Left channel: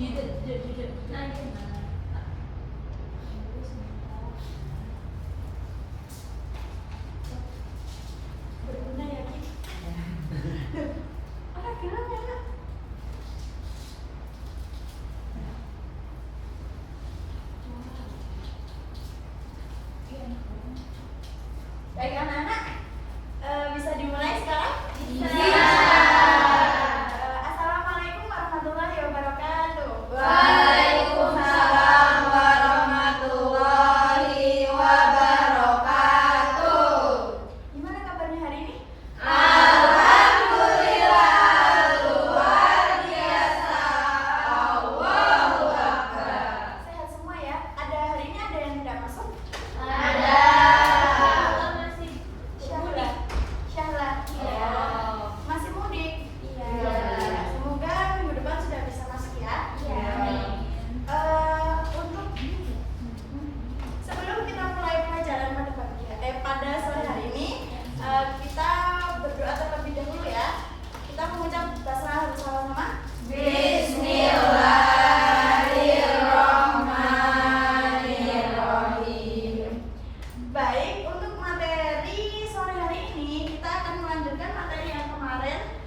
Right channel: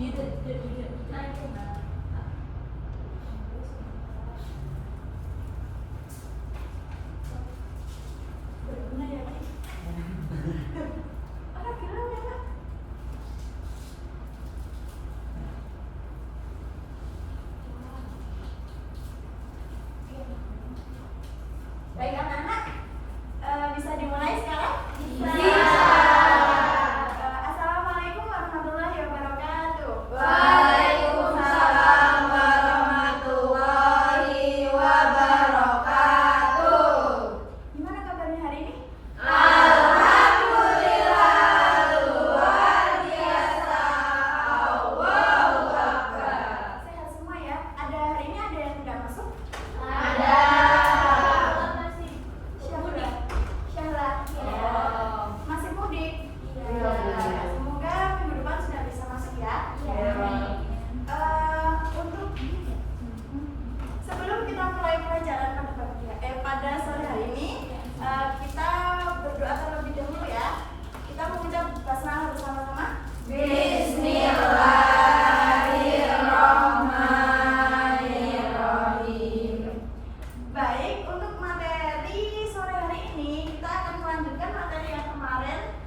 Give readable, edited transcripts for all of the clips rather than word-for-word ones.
Baik anak-anak, bisa dimulai sekarang? Iya. Assalamualaikum warahmatullahi wabarakatuh. Waalaikumsalam warahmatullahi wabarakatuh. Gimana kabarnya hari ini? Alhamdulillah, luar biasa. Allahu Akbar. Sehat semua ya? Ada hari ini ada yang tidak masuk? Ada. Syahla. Iya. Masih mudik? Iya. Semoga minggu depan sudah bisa masuk ya. Iya. Untuk sebelum kita mulai pelajaran pada sore hari ini, kita berdoa terlebih dahulu ya. Kita mengucap basmalah bersama-sama. Bismillahirrahmanirrahim. Baik, untuk materi sore hari ini kita akan melanjutkan materi yang kemarin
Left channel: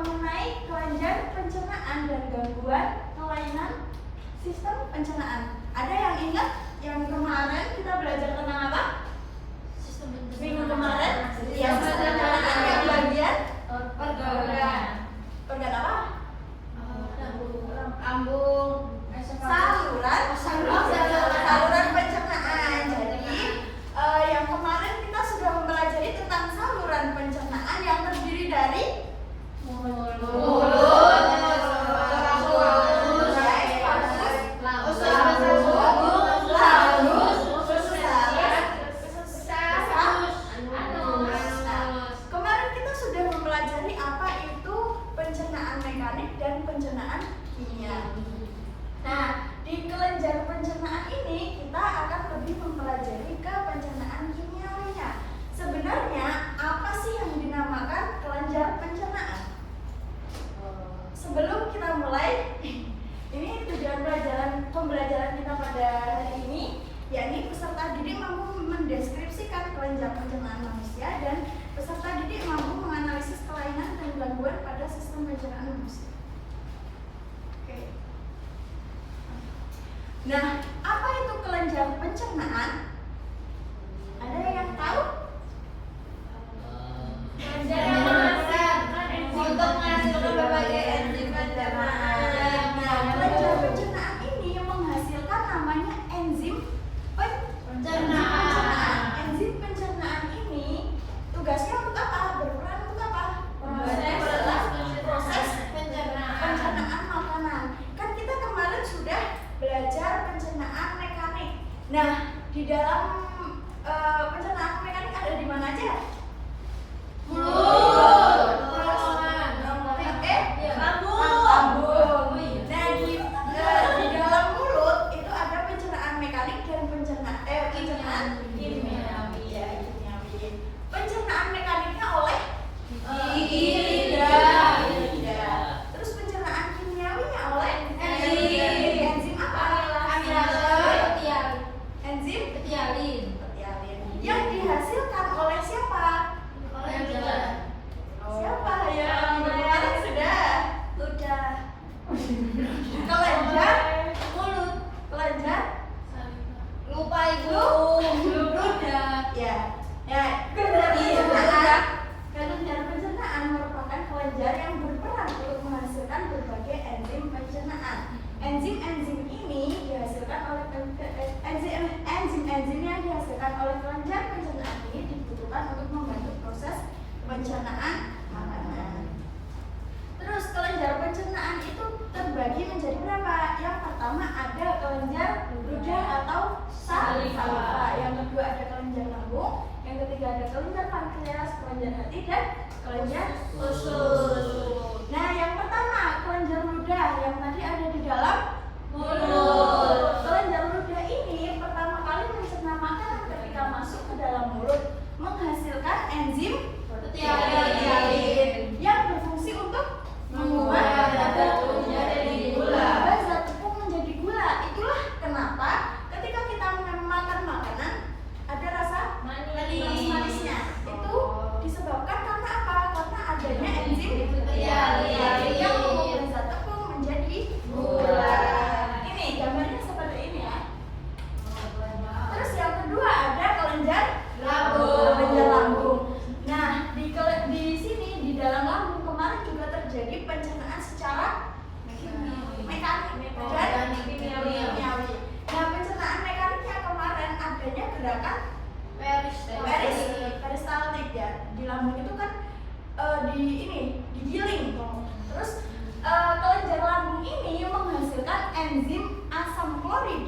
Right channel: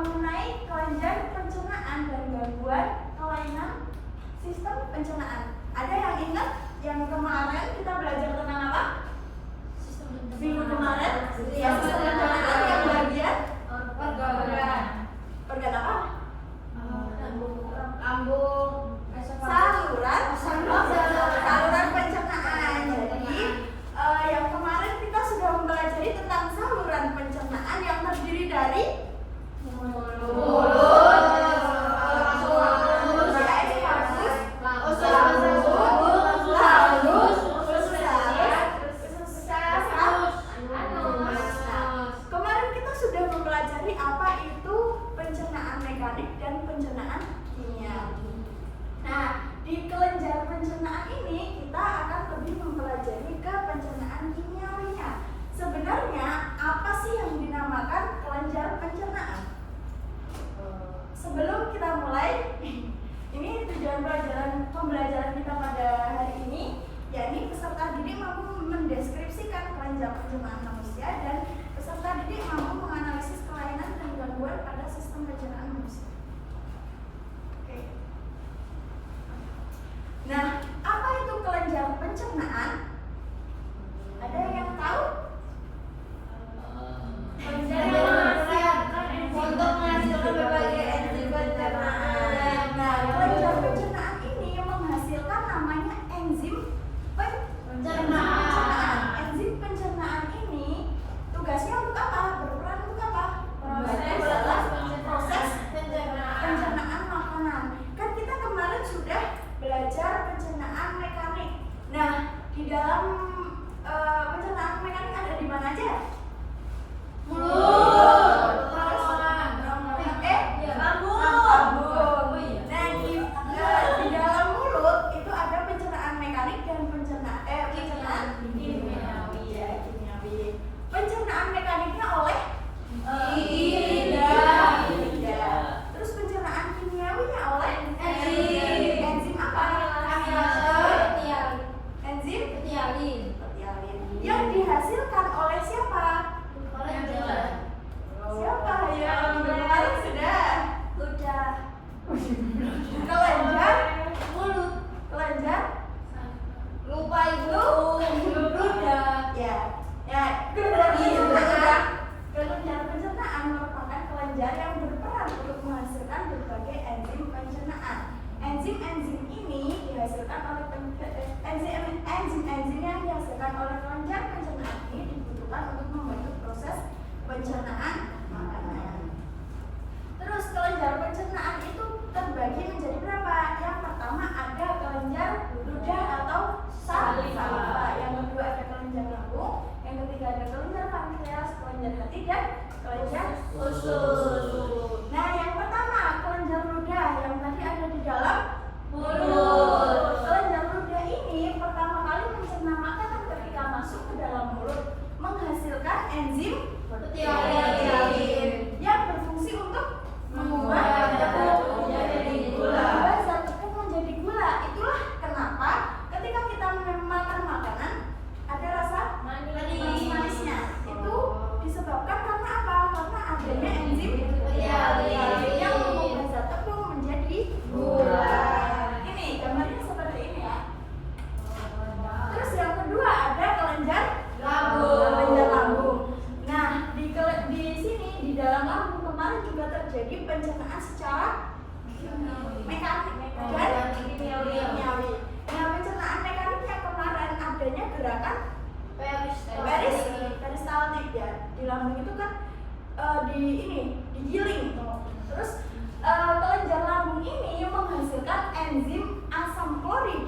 mengenai kelenjar pencernaan dan gangguan kelainan sistem pencernaan. Ada yang ingat yang kemarin kita belajar tentang apa? Minggu kemarin? Ya, pencernaan yang bagian organ apa? Saluran pencernaan. Jadi yang kemarin kita sudah mempelajari tentang saluran pencernaan yang terdiri dari Kemarin kita sudah mempelajari apa itu pencernaan mekanik dan pencernaan kimiawi. Nah, di kelenjar pencernaan ini kita akan lebih mempelajari ke pencernaan kimiawinya. Sebenarnya apa sih yang dinamakan kelenjar pencernaan? Sebelum kita mulai, ini tujuan pembelajaran kita pada hari ini, yakni peserta didik mampu mendeskripsikan kelenjar pencernaan manusia dan peserta didik mampu menganalisis kelainan dan gangguan pada sistem pencernaan manusia. Oke. Nah, apa itu kelenjar pencernaan? Ada yang tahu? Kelenjar yang menghasilkan untuk menghasilkan berbagai enzim pencernaan. Nah, kelenjar pencernaan ini yang menghasilkan namanya enzim pencernaan. Enzim pencernaan ini tugasnya untuk apa? Berperan untuk apa? Proses pencernaan makanan. Kan kita kemarin sudah belajar pencernaan mekanik. Nah, di dalam pencernaan mekanik ada di mana aja? Lambung. Nah, di dalam mulut itu ada pencernaan mekanik dan pencernaan kimiawi. Pencernaan mekaniknya oleh lidah. Terus pencernaan kimiawinya oleh enzim apa? Enzim petialin. Yang dihasilkan oleh siapa? Siapa yang kemarin sudah? Kelenjar mulut. Kelenjar Lupa ibu. ludah. Ya. Kelenjar pencernaan merupakan kelenjar yang berperan untuk menghasilkan berbagai enzim pencernaan. Enzim-enzim ini dihasilkan oleh enzim-enzim yang dihasilkan oleh kelenjar pencernaan ini dibutuhkan untuk membantu proses pencernaan makanan. Terus kelenjar pencernaan itu terbagi menjadi berapa? Yang pertama ada kelenjar ludah atau saliva. Yang kedua ada kelenjar lambung. Yang ketiga ada kelenjar pankreas, kelenjar hati dan kelenjar usus. Nah, yang pertama kelenjar ludah yang tadi ada di dalam mulut. Kelenjar ludah ini pertama kali mencerna makanan ketika masuk ke dalam mulut, menghasilkan enzim petialin yang berfungsi untuk mengubah batu menjadi gula.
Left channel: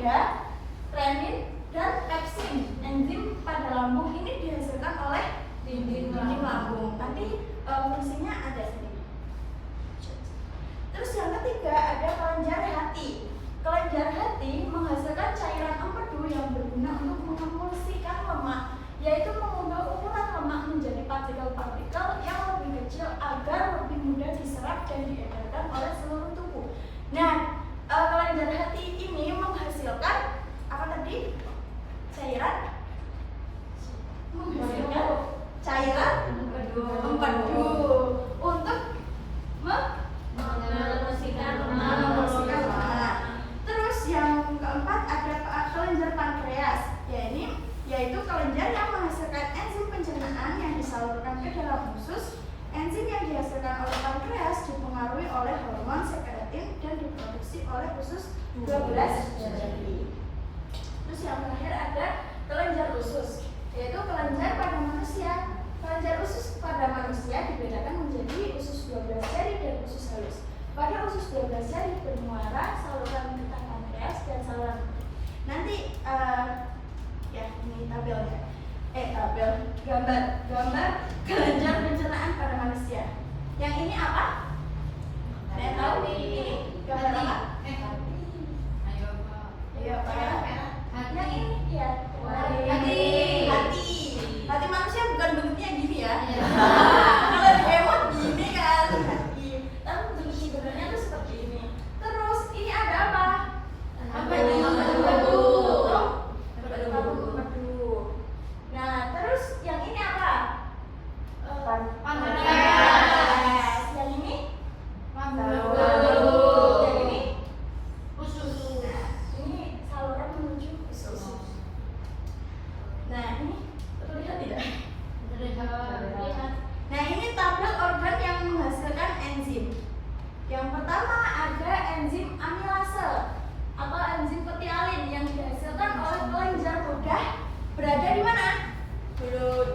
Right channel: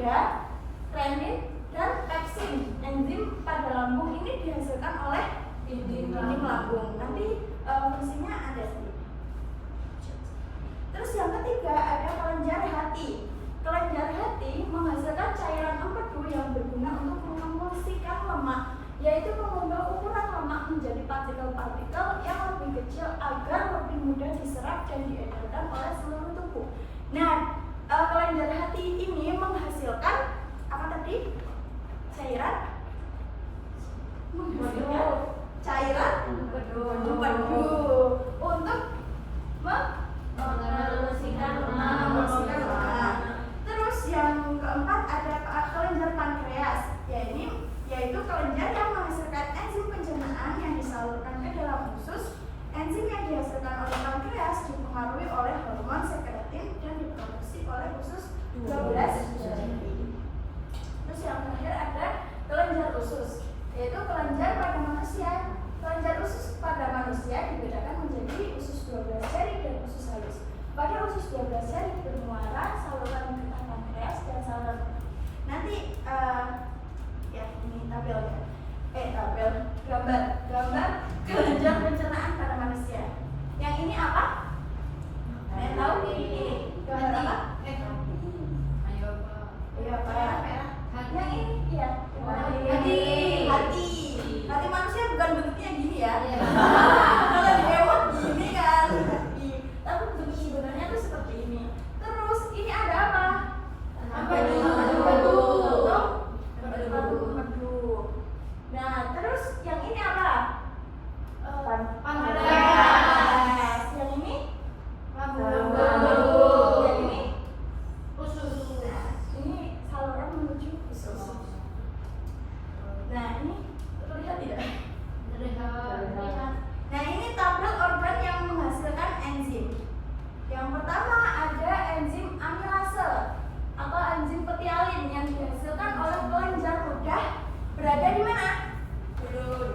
amida, renin, dan pepsin. Enzim pada lambung ini dihasilkan oleh dinding lambung. Nanti fungsinya ada sini. Terus yang ketiga ada kelenjar hati. Kelenjar hati menghasilkan cairan empedu yang berguna untuk mengemulsikan lemak, yaitu mengubah ukuran lemak menjadi partikel-partikel yang lebih kecil agar lebih mudah diserap dan diedarkan oleh seluruh tubuh. Nah, kelenjar hati ini menghasilkan apa tadi? Cairan? Menghasilkan cairan empedu untuk membersihkan lemak. Terus yang keempat ada kelenjar pankreas, yaitu kelenjar yang menghasilkan enzim pencernaan yang disalurkan ke dalam usus. Enzim yang dihasilkan oleh pankreas dipengaruhi oleh hormon sekretin dan diproduksi oleh usus 12 jari. Terus yang terakhir ada kelenjar usus, yaitu kelenjar pada manusia. Kelenjar usus pada manusia dibedakan menjadi usus 12 jari dan usus halus. Pada usus 12 jari bermuara saluran getah pankreas dan saluran. Nanti ya ini tabel ya. Gambar kelenjar pencernaan pada manusia. Yang ini apa? Ada yang tahu ini gambar apa? Iya, kayak yang ini ya. Hati manusia bukan bentuknya gini ya. Kalau di hewan gini kan hati. Tapi bentuk sebenarnya tuh seperti ini. Terus ini ada apa? Empedu. Nah, terus yang ini apa? Pankreas. Yang ini? Yang ini? Usus. Nah, ini saluran menuju usus. Nah, ini terlihat tidak? Nah, ini tabel organ yang menghasilkan enzim. Yang pertama ada enzim amilase atau enzim petialin yang dihasilkan oleh kelenjar ludah, berada di mana?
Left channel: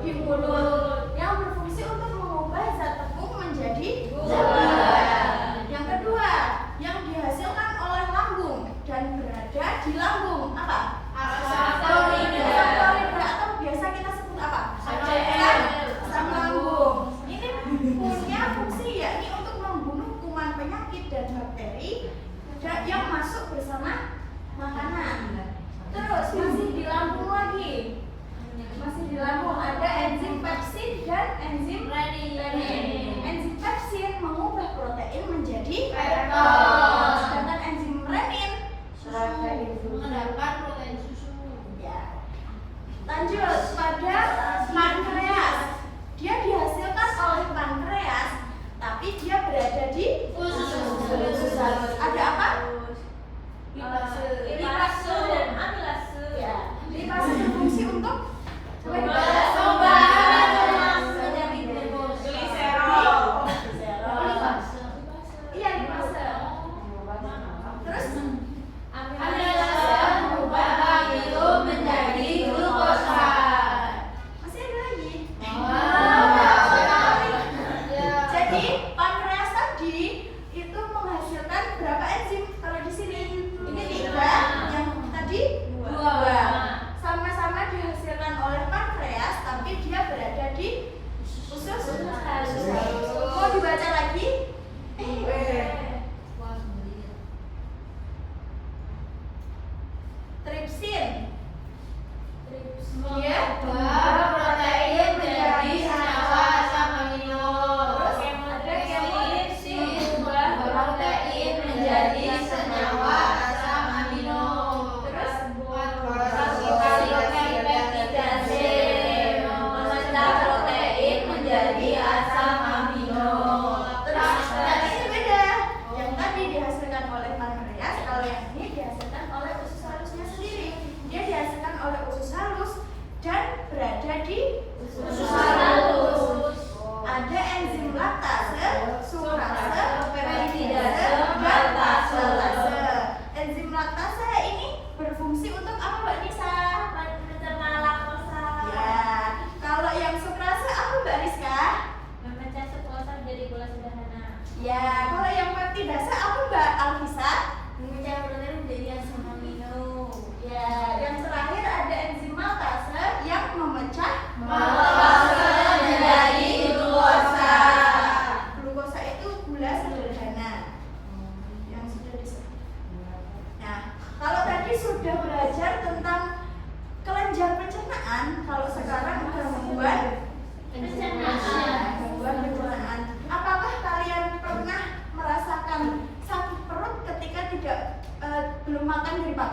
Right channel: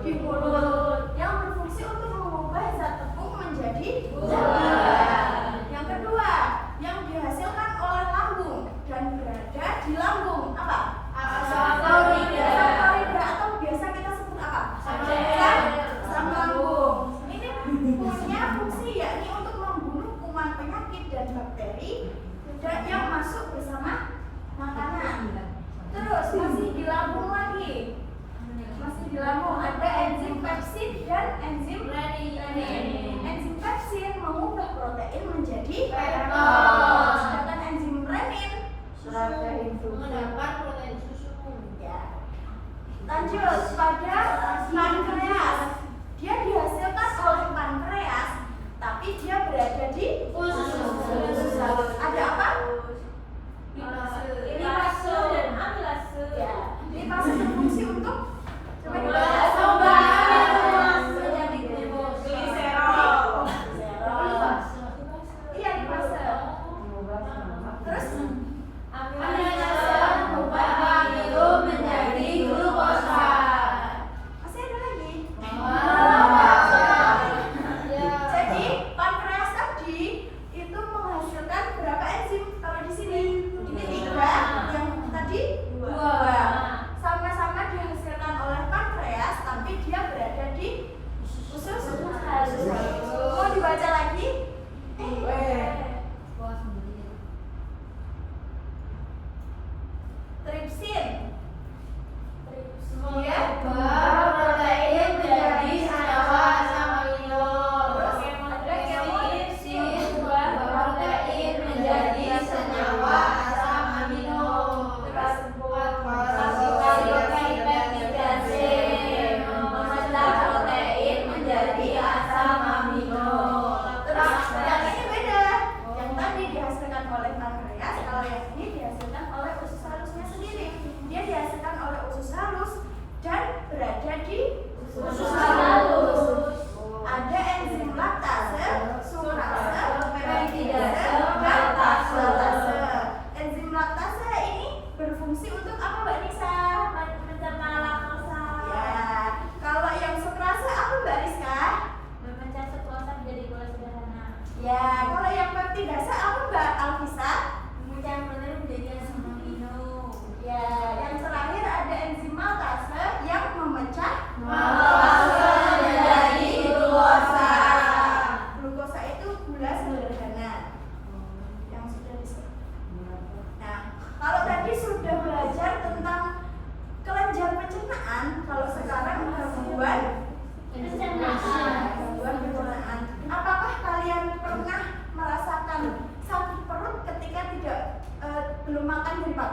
Di mulut, yang berfungsi untuk mengubah zat tepung menjadi zat padat. Yang kedua, yang dihasilkan oleh lambung dan berada di lambung, apa? Asam klorida atau biasa kita sebut apa? Asam lambung. Ini punya fungsi yakni untuk membunuh kuman penyakit dan bakteri yang masuk bersama makanan. Terus masih di lambung lagi. Masih di lambung ada enzim pepsin dan enzim renin. Enzim pepsin mengubah protein menjadi peptid. Sedangkan enzim renin mendapat protein susu. ya. Lanjut pada pankreas. Dia dihasilkan oleh pankreas, tapi dia berada di usus halus. Ada apa? Lipase dan amilase. Ya. Lipase berfungsi untuk iya lipase. Terus Amilase mengubah itu menjadi glukosa. masih ada lagi. Ya. Jadi pankreas tadi itu menghasilkan berapa enzim? Kalau di sini ini 3, yang tadi 2. Sama-sama dihasilkan oleh pankreas, tapi dia berada di usus halus. Mau dibaca lagi? Tripsin. Dia Mengubah protein menjadi senyawa asam amino. Terus ada Tripsin mengubah protein menjadi senyawa asam amino. Terus Peptidase memecah protein menjadi asam amino. Terus yang ini beda. Yang tadi dihasilkan oleh pankreas, kalau yang ini dihasilkan oleh usus halusnya sendiri. Dia dihasilkan oleh usus halus dan berada di usus halus. Ada enzim laktase, sukrase, peptidase, dan lactase. Enzim laktase ini berfungsi untuk apa, Mbak Nisa? Mencerna laktosa. Ya, kalau yang sukrase apa, Mbak Rizka? Memecah sukrosa menjadi gula sederhana. Ya, kalau yang peptidase apa, Mbak Alvisa? Memecah protein menjadi asam amino.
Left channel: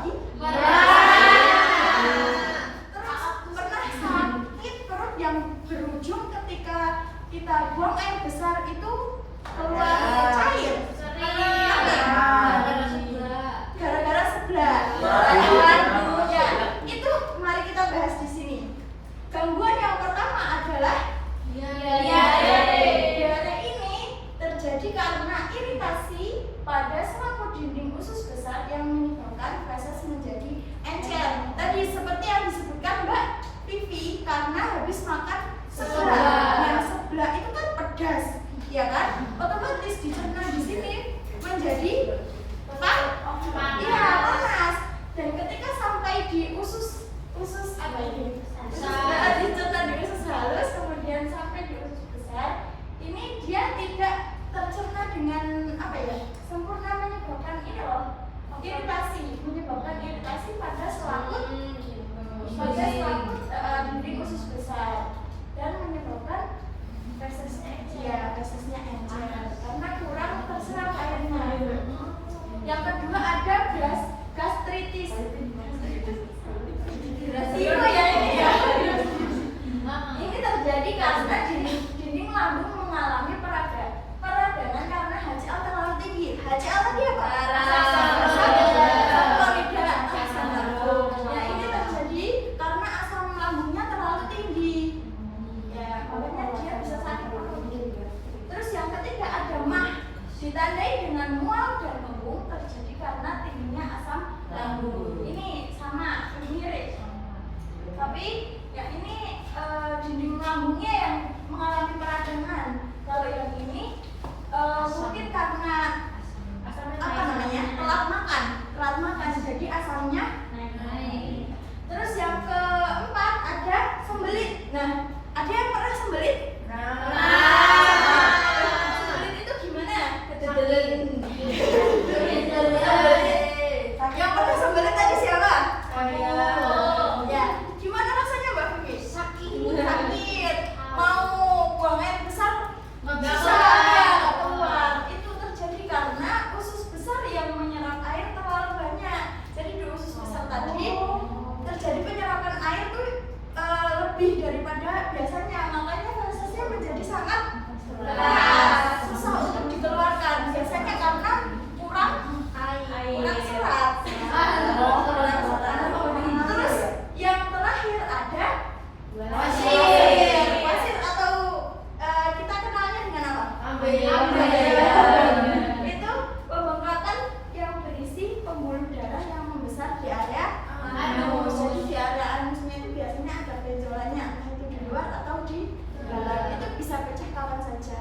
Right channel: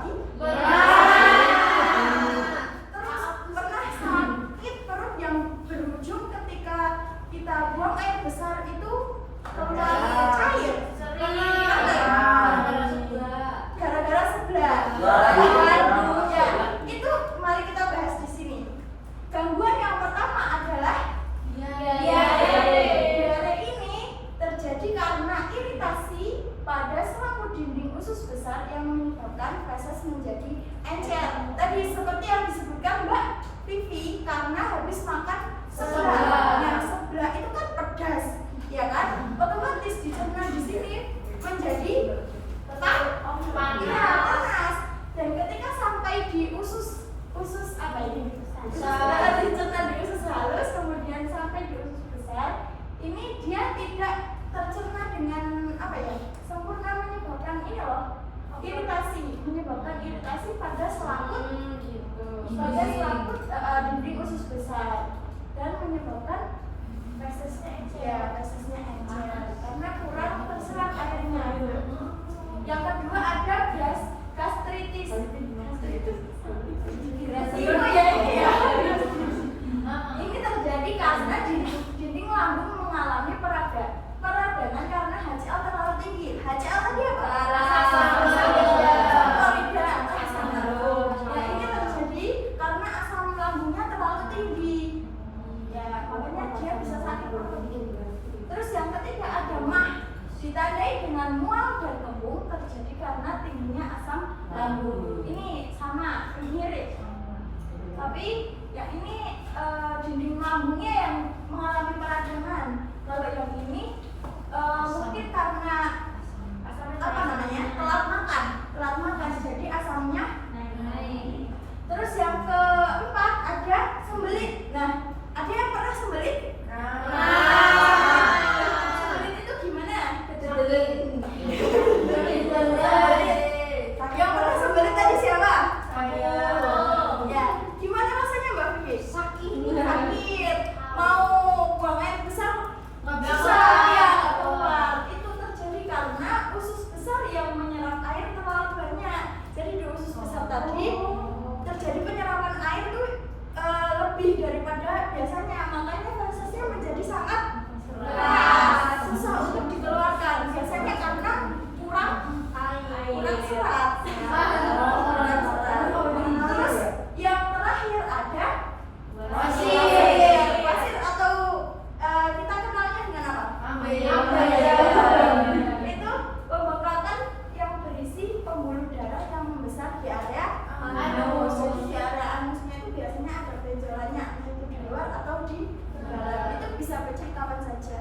lagi? Terus pernah sakit perut yang berujung ketika kita buang air besar itu keluar cair? Gara-gara sebelah. Ya, itu mari kita bahas di sini. Gangguan yang pertama adalah diare ini terjadi karena iritasi pada selaput dinding usus besar yang menyebabkan feses menjadi encer. Tadi seperti yang disebutkan Mbak Vivi, karena habis makan sebelah. Nah, sebelah itu kan pedas, ya kan? Otomatis dicerna di sini menjadi panas. Dan ketika sampai di usus apa ini? Dicerna di usus halus, kemudian sampai di usus besar, ini dia tidak tercerna dengan sempurna, menyebabkan ini loh, menyebabkan iritasi pada selaput dinding usus besar dan menyebabkan fesesnya encer karena kurang terserap airnya. Yang kedua ada gastritis. Ini terjadi karena dinding lambung mengalami peradangan karena HCl terlalu tinggi. HCl tadi apa? Asam lambung. Ya, ini terjadi karena asam lambungnya terlalu tinggi. Ya, makanya dia bisa sakit perut. Terus yang ketiga ada MAH, ditandai dengan mual dan kembung, terjadi karena tingginya asam lambung. Ini sama, mirip. Tapi ya ini dinding lambungnya yang mengalami peradangan. Kalau yang ini mungkin karena telat makan, jadi asamnya naik. Terus yang keempat ada sembelit. Nah, ada yang pernah sembelit? Sembelit itu gimana? Yang pernah sembelit tadi siapa? Ya, gimana rasanya Mbak Vivi? Sakit. Mau buang air besar? Susah, ya, nggak keluar. Itu terjadi karena usus besar yang menyerap air terlalu banyak. Jadi di usus besar tadi terjadi penyerapan air tuh lebih daripada biasanya. Makanya fesesnya menjadi sangat berat, susah untuk dikeluarkan. Biasanya karena kurang serat. Terus yang terakhir ada wasir atau kita kenalnya dengan apa? Itu pembengkakan yang berisi pembuluh darah yang membesar di area anus. Jadi di area anusnya itu biasanya ada benjolannya, entah itu di luar atau di dalam. Itu bisa pecah kapan saja.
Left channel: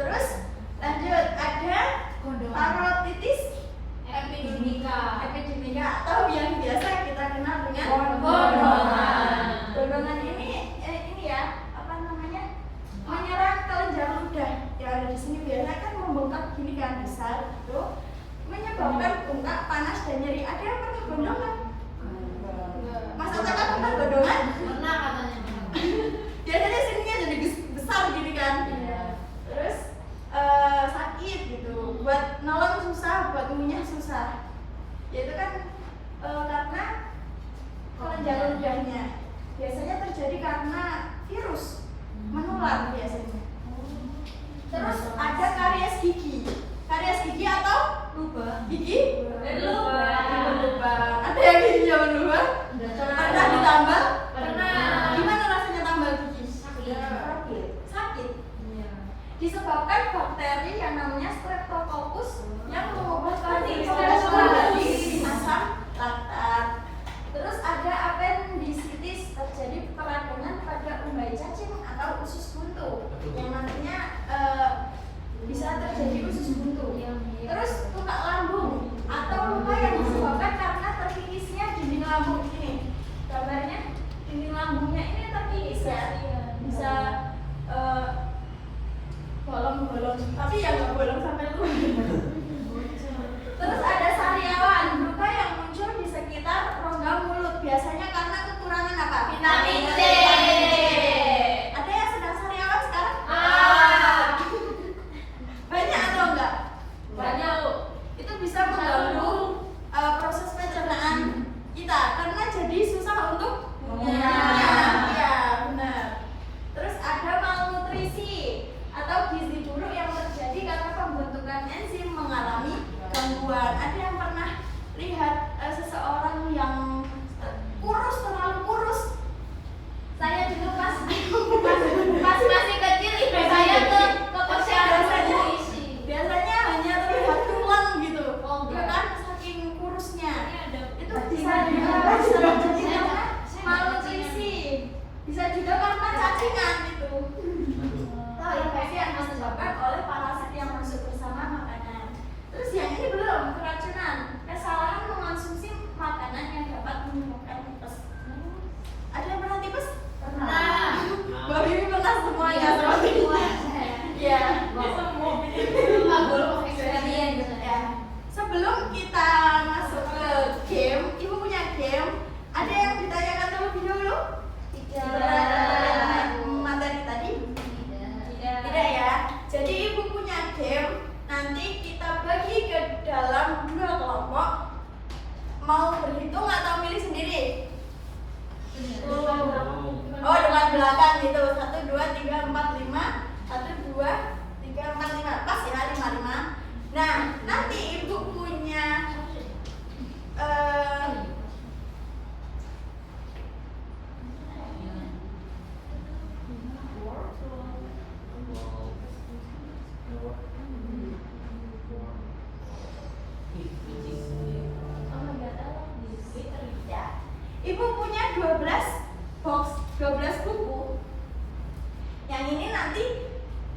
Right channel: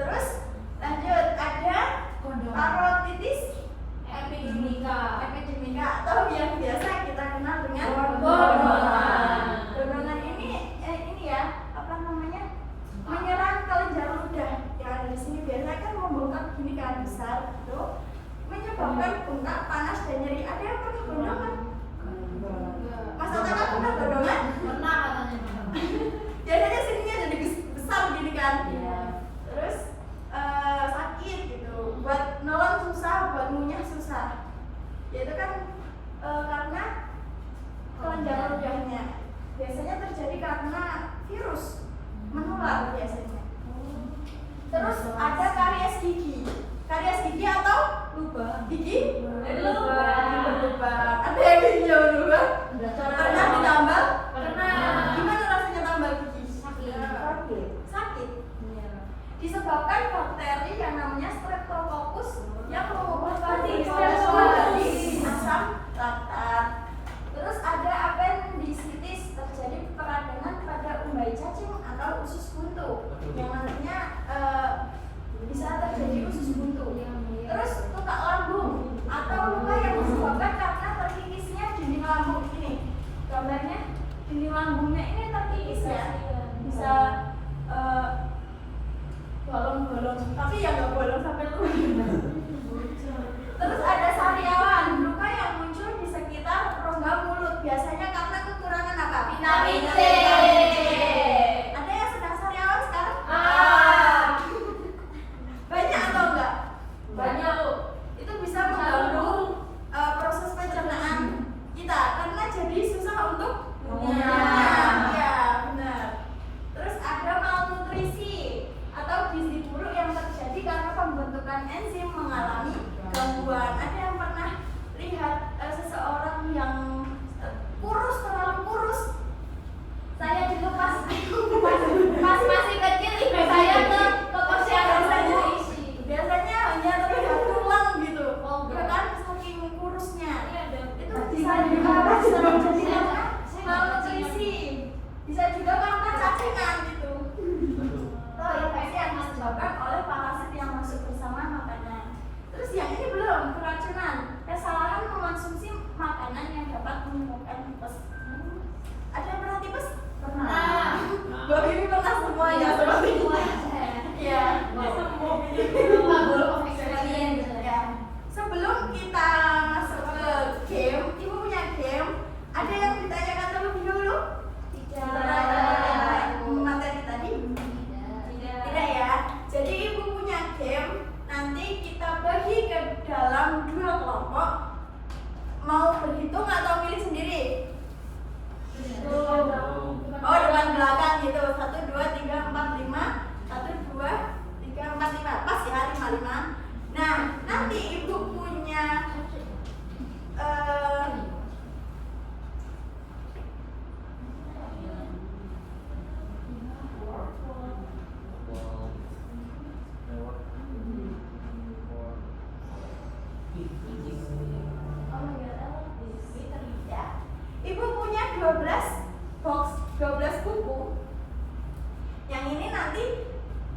Terus lanjut ada parotitis epidemika atau yang biasa kita kenal dengan gondongan. Gondongan ini ya, menyerang kelenjar ludah yang ada di sini. Biasanya kan membengkak gini kan, besar gitu, menyebabkan bengkak, panas dan nyeri. Ada yang pernah gondongan? Mas Oca pernah gondongan? Pernah katanya. Biasanya sininya jadi besar gini kan. Terus sakit gitu, buat nolong susah, buat ngunyah susah. Ya itu kan karena kelenjar ludahnya. Biasanya terjadi karena virus menular biasanya. Terus ada karies gigi. Karies gigi atau gigi lubang. Ada yang giginya berubah? Pernah ditambal? Pernah. Gimana rasanya tambal gigi? Sakit. Disebabkan bakteri yang namanya Streptococcus yang mengubah menjadi asam laktat. Terus ada appendicitis, terjadi peradangan pada umbai cacing atau usus buntu yang nantinya bisa terjadi usus buntu. Terus luka lambung atau luka yang disebabkan karena terkikisnya dinding lambung ini. Gambarnya dinding lambungnya ini terkikis ya, bisa bolong-bolong, tapi ya nggak bolong sampai luar. Terus ada sariawan, luka yang muncul di sekitar rongga mulut, biasanya karena kekurangan apa? Vitamin C. Ada yang sedang sariawan sekarang? Banyak atau enggak? Banyak. pembentukan enzim mengalami gangguan. Ada yang pernah lihat seseorang yang kurus, terlalu kurus? Saya dulu pas masih kecil ibu saya ke posyandu isi. Biasanya hanya terlihat tulang gitu. Oh, Ya kan, saking kurusnya. Itu bisa Iya. juga jadi karena malnutrisi. Bisa juga karena cacingan gitu. Atau infeksi yang disebabkan oleh parasit yang masuk bersama makanan. Terus yang ini belum, keracunan. Kesalahan mengonsumsi makanan yang dapat menimbulkan tipes. Ada yang pernah tipes? Pernah. Mbak Bibi pernah semuanya. Iya. Ya. Sebelum kita masuk ke game, ibu punya game. Ada yang ditanyakan terlebih dahulu? Materi tadi? Tidak ya. Jadi ibu punya game. Nanti kita bagi ke dalam 2 kelompok. Mau berhitung atau milih sendiri? Oh, depan belakang gitu. 1, 2, 3, 4, 5. 1, 2, 3, 4, 5. Pas ya, 5, 5. Nah, nanti ibu punya ya. Ibu punya 12 box, 12 buku. Yang ini nanti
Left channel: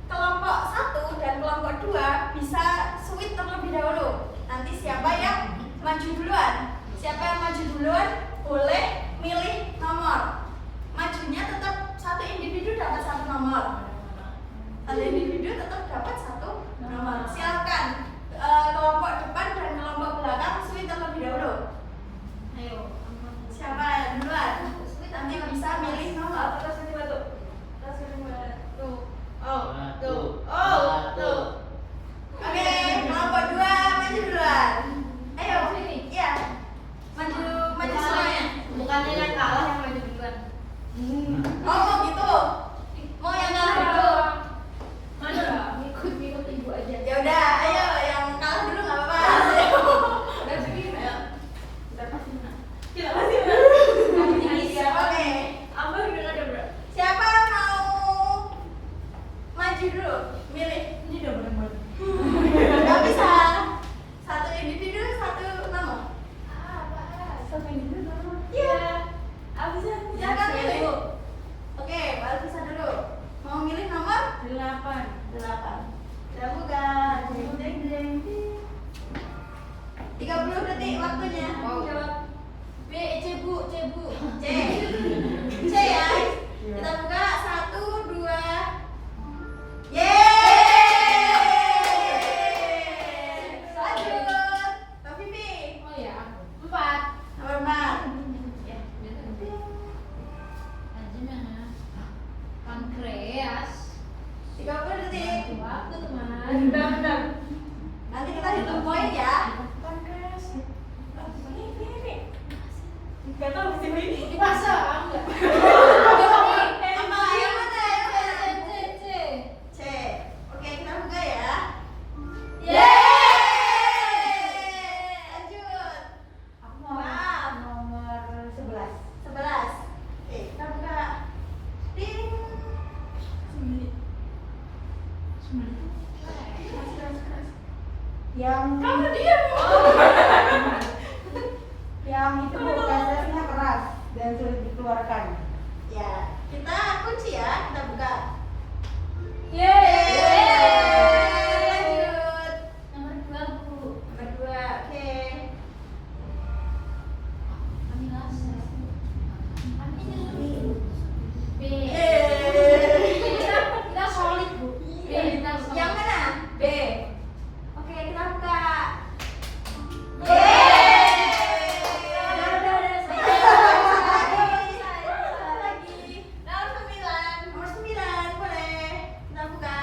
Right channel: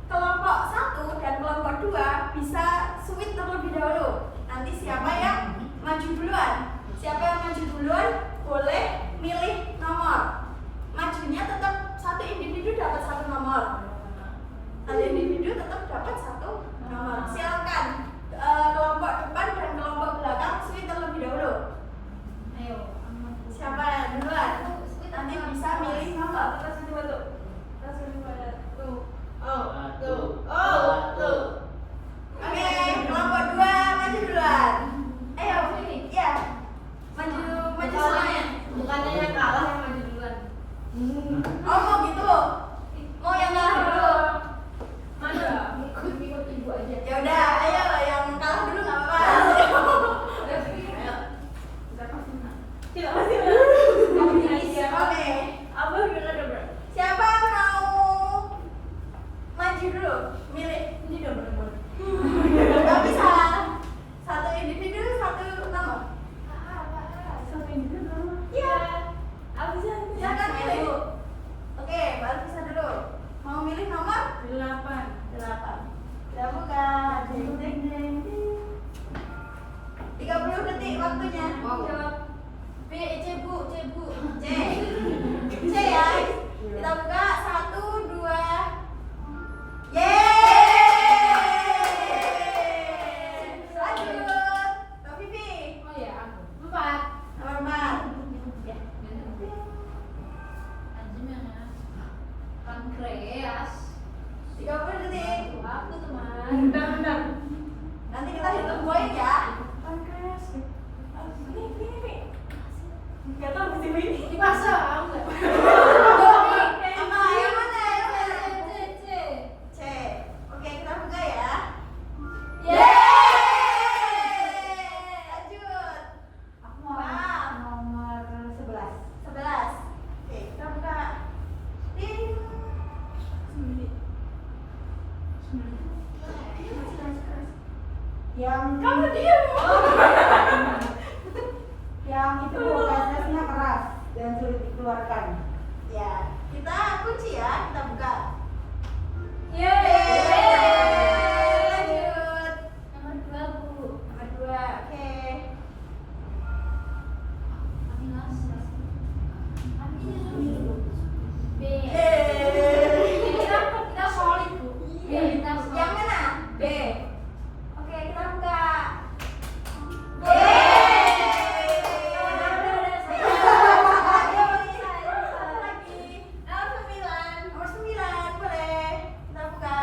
kelompok 1 dan kelompok 2 bisa switch terlebih dahulu. Nanti siapa yang maju duluan? Siapa yang maju duluan boleh milih nomor. Majunya tetap satu individu dapat 1 nomor. Satu individu tetap dapat 1 nomor. Silakan kelompok depan dan kelompok belakang switch terlebih dahulu. Ayo. Siapa duluan? Nanti bisa milih nomor. Oke, kelompok 2 maju duluan. Ayo, iya. Maju semuanya. Bukannya yang kalah yang maju duluan. Oh, mau gitu. Mau yang kalah dulu. Ikut ibu aja. Ya udah, ayo yang kalah dulu nggak apa-apa. Oke. Siapa yang mau maju dulu? Milih. Gak bisa. Satu individu, 1 nomor. Iya. Silakan milih. Oke, baru bisa dulu. Mau milih nomor? 8. Kita buka. Jeng, jeng, jeng. 30 detik waktunya. Jawab. C bu. C. C ya. Kita buka 1, 2. Yeay. Lanjut. Mbak Bibi. Oh ya. 4. Nomor 4. Ya. Pankreas. 30 detik. Waktu teman. Nanti kita hitung poin ya. Pankreas. Ini. Gak tau di sini. Dipasang enggak? Apa? Yang mana? C. C. Oke, kita buka ya. Yeay. Lanjut. Aku mau nomor 11. 11. Oke, kita buka. Ding. Yang Kamu diam. yang itu prosesnya keras dan sulit dikeluarkan. Ya, kita kunci ya, kita buka. Yeay. Lanjut. Nomor 2 Bu. Nomor 2. Oke. B. Yeay. Kita solid Bu. B. Yang mana? B. Oke, kita buka. Nomor 9 boleh. Kita buka.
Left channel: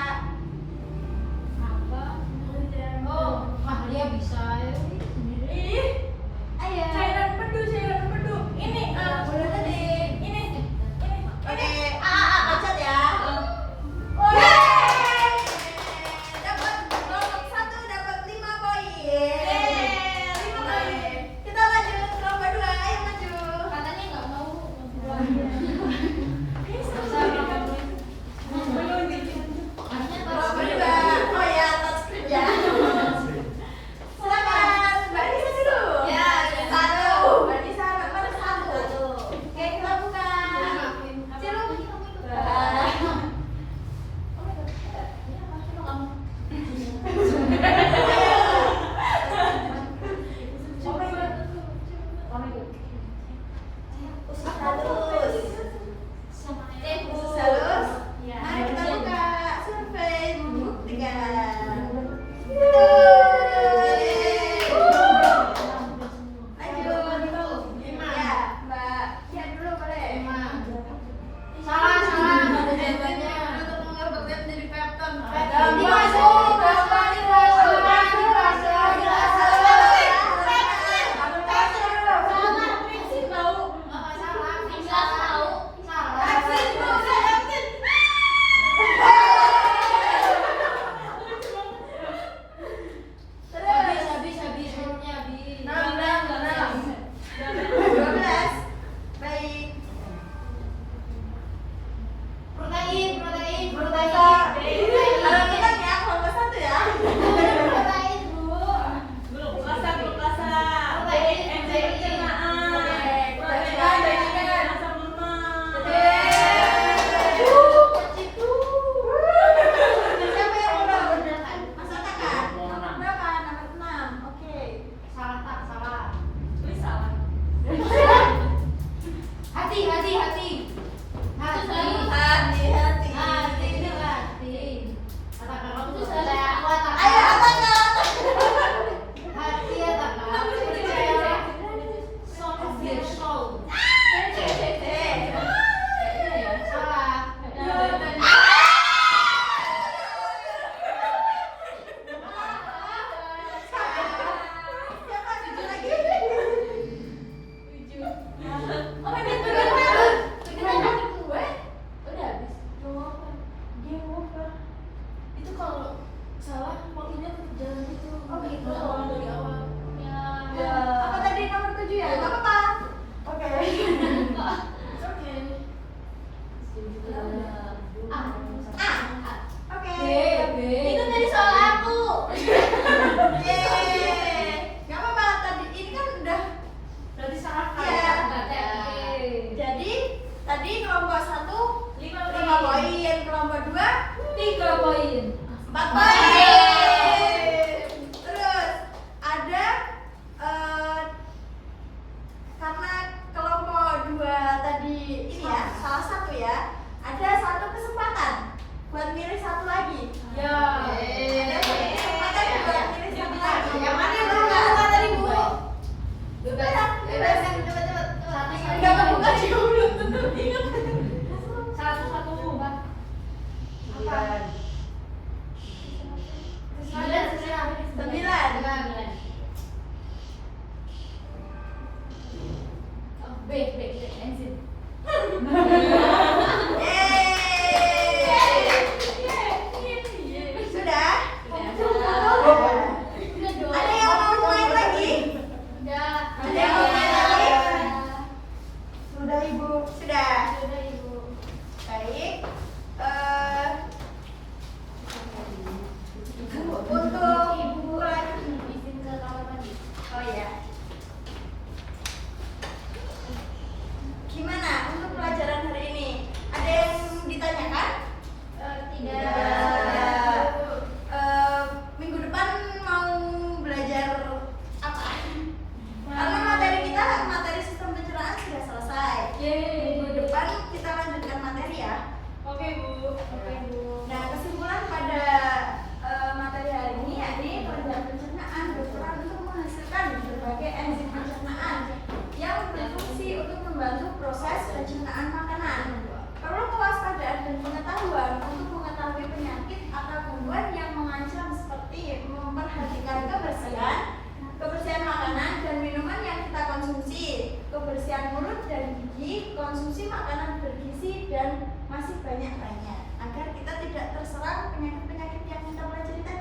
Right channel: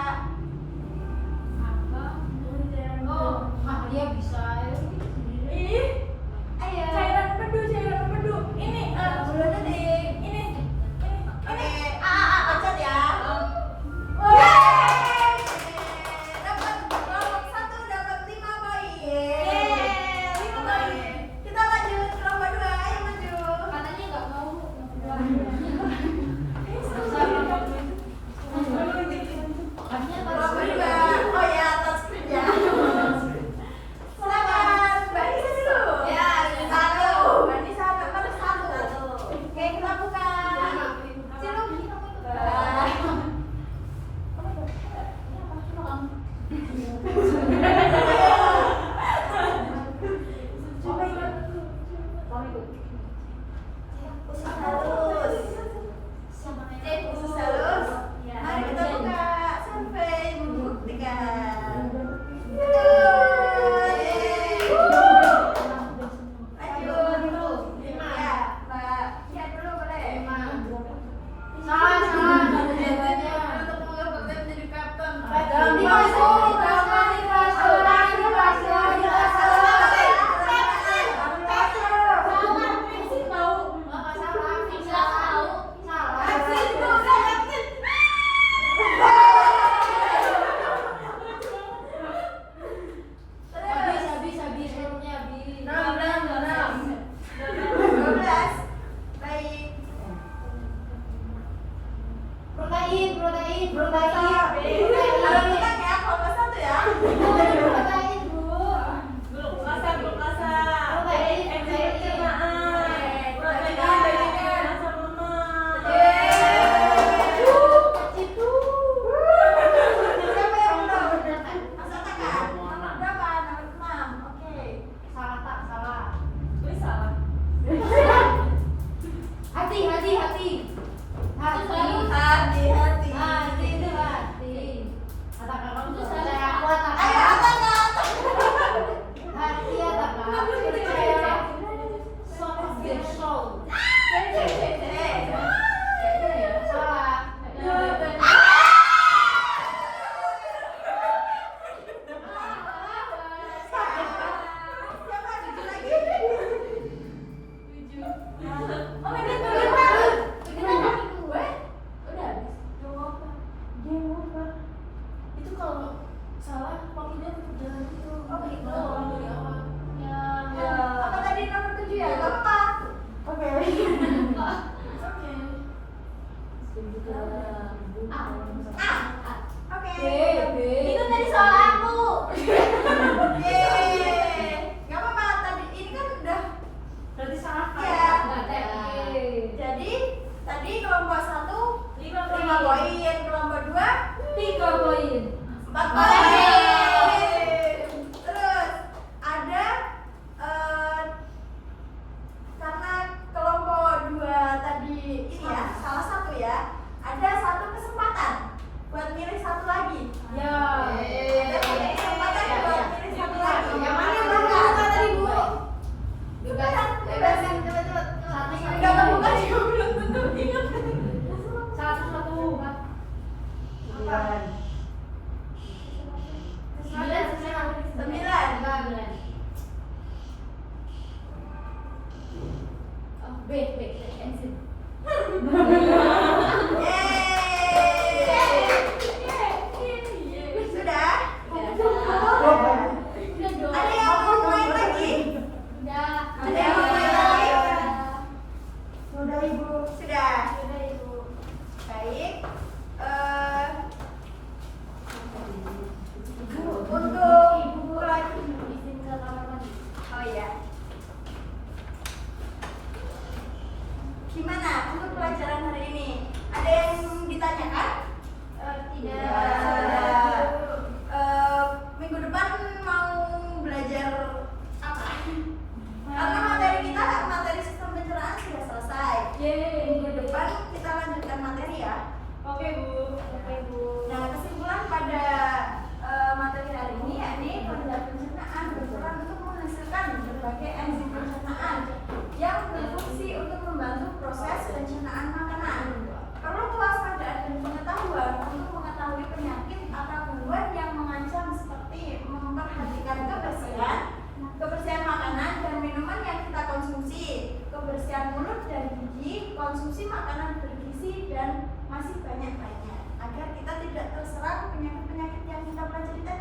Salah, waktunya tetap jalan itu. Oh, gitu. Dari awal. Ya. Apa tadi nomor 7 ya? Gak apa-apa. Oke. Oke. Oke. B. Itu tadi soal aku. Yeay. Gak apa-apa, tadi ini kan udah. Berarti salah Iya. Oke. Jadi tadi kelompok 1 5 5 poin, kelompok 2 3 poin. 4 poin. Terus ada karena kelompok 2 tadi ini ya, salah satu ya, ada satu kesempatan buat pilih satu lagi. Ya. Ada kesempatan buat pilih satu lagi. Yang mana yang Buka buka tadi, Bu? Bebas. Cepet-cepet. Satu Enggak kebuka juga belum tentu ingat. Satu. Apa? 9. B, enzim. Yeay. Sudah? Udah. Ada yang mau main lagi? Udah. Ada yang mau main lagi? Sudah Ibu. Sudah. Udah, Ibu. Baik. Untuk Izin ke kamar mandi. oh iya. Gimana untuk pelajaran hari ini? Ada yang ditanyakan? Tidak. Minggu depan mau belajar apa? Karena materi kita materi sistem pencernaan sudah selesai. Yeay. Minggu depan kita lanjutkan materi ya. Oke, Bu. Nah, kesimpulan pada materi hari ini yakni kelenjar pencernaan berperan untuk menghasilkan berbagai enzim pencernaan yang berfungsi untuk membantu proses pencernaan makanan. Perlu kewaspadaan dan pengetahuan untuk mengetahui penyakit atau gangguan yang mengancam seperti memperhatikan kebersihan makanan dan minuman yang kita konsumsi, kebersihan mulut dan gigi, konsumsi makanan bergizi dan masih banyak lainnya agar kita tidak terserang penyakit-penyakit yang kita pelajari tadi.